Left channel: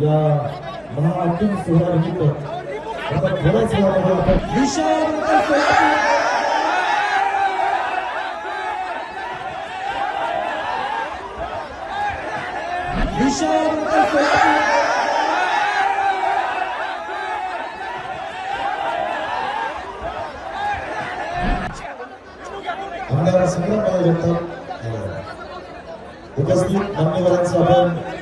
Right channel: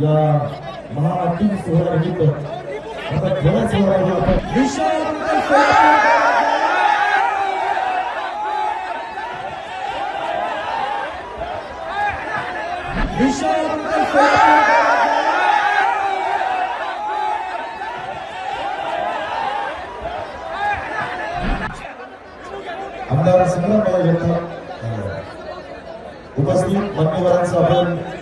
या महाअंतिम सोहळ्यानिमित्त आता थोड्याच वेळामध्ये आमदार उपस्थित मान्यवरांचं आपण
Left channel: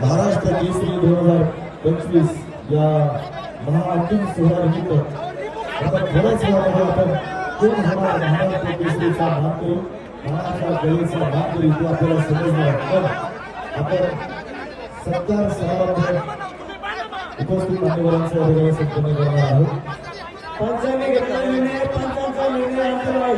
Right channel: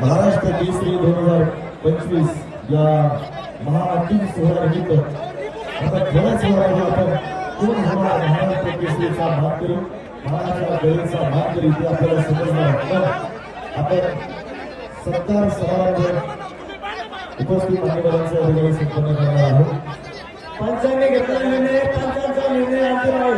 महाराष्ट्र केसरी दोन हजार पंचवीस या महाअंतिम सोहळ्यानिमित्त आता थोड्याच वेळामध्ये आपण कोण होणार महाराष्ट्र केसरीचा मात्र महाराष्ट्र मात्र इथे आपल्याला समजणार आपण सत्तर समारंभ उपस्थित महिलांचा निर्णय संपन्न करणार आहोत पंचांनी घेतला निर्णय पंचांचा निर्णय अंतिम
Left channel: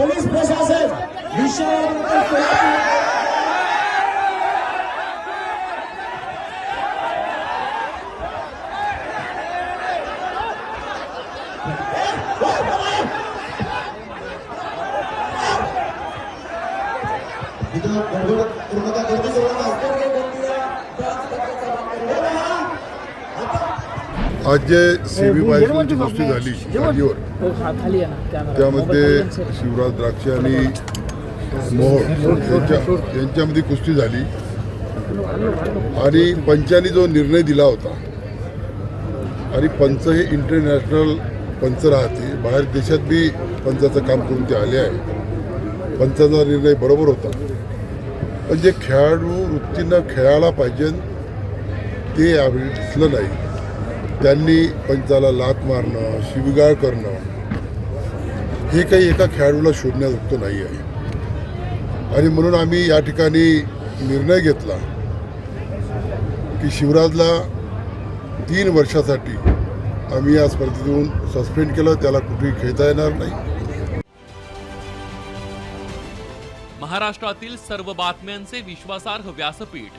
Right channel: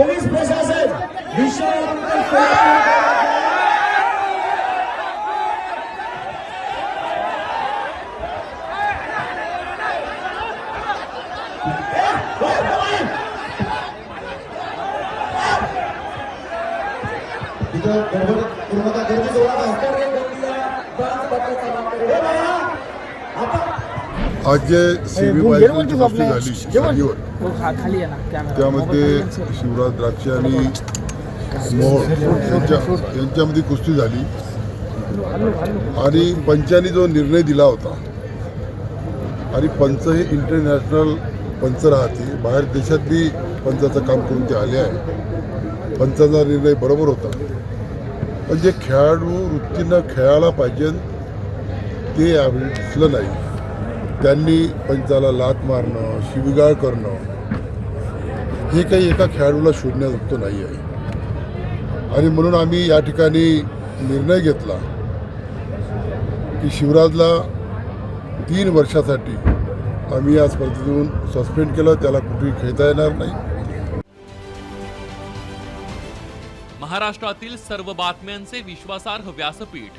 পুলিশ প্রশাসন বিশ্ববিদ্যালয় Gracias. आज जे सी व्ही बायकलची कुस्ती झाली जागेवर त्यामध्ये शिवराज द्राक्ष आणि मोहोळ यांच्या यांच्यामध्ये कुस्ती झाली. आणि पंचाने जो निर्णय दिला होता आणि पंच हे इंटरनॅशनल पंच राहते. बाहेर देशात बी पंचाचं काम करून ते आले आहे पंचाचा निर्णय बरोबर होता. पण जे खेळाडू वृत्तीनं खेळायला पाहिजे ते यावेळी दिसलं नाही. त्यांनी पंचाला लात मारणं शिवगाळ करणं हे काही एका खेळाडूला शोधण्याजोगतं नाही आहे. आणि म्हणून आम्ही या ठिकाणी निर्णय घेतला की शिवराजला तीन वर्षासाठी आम्ही या स्पर्धेतून सस्पेंड केलं त्याला कुठेही खेळता येणार नाही. महाराष्ट्रातील सर्व बातम्यांचे विश्वासार्ह व्यासपीठ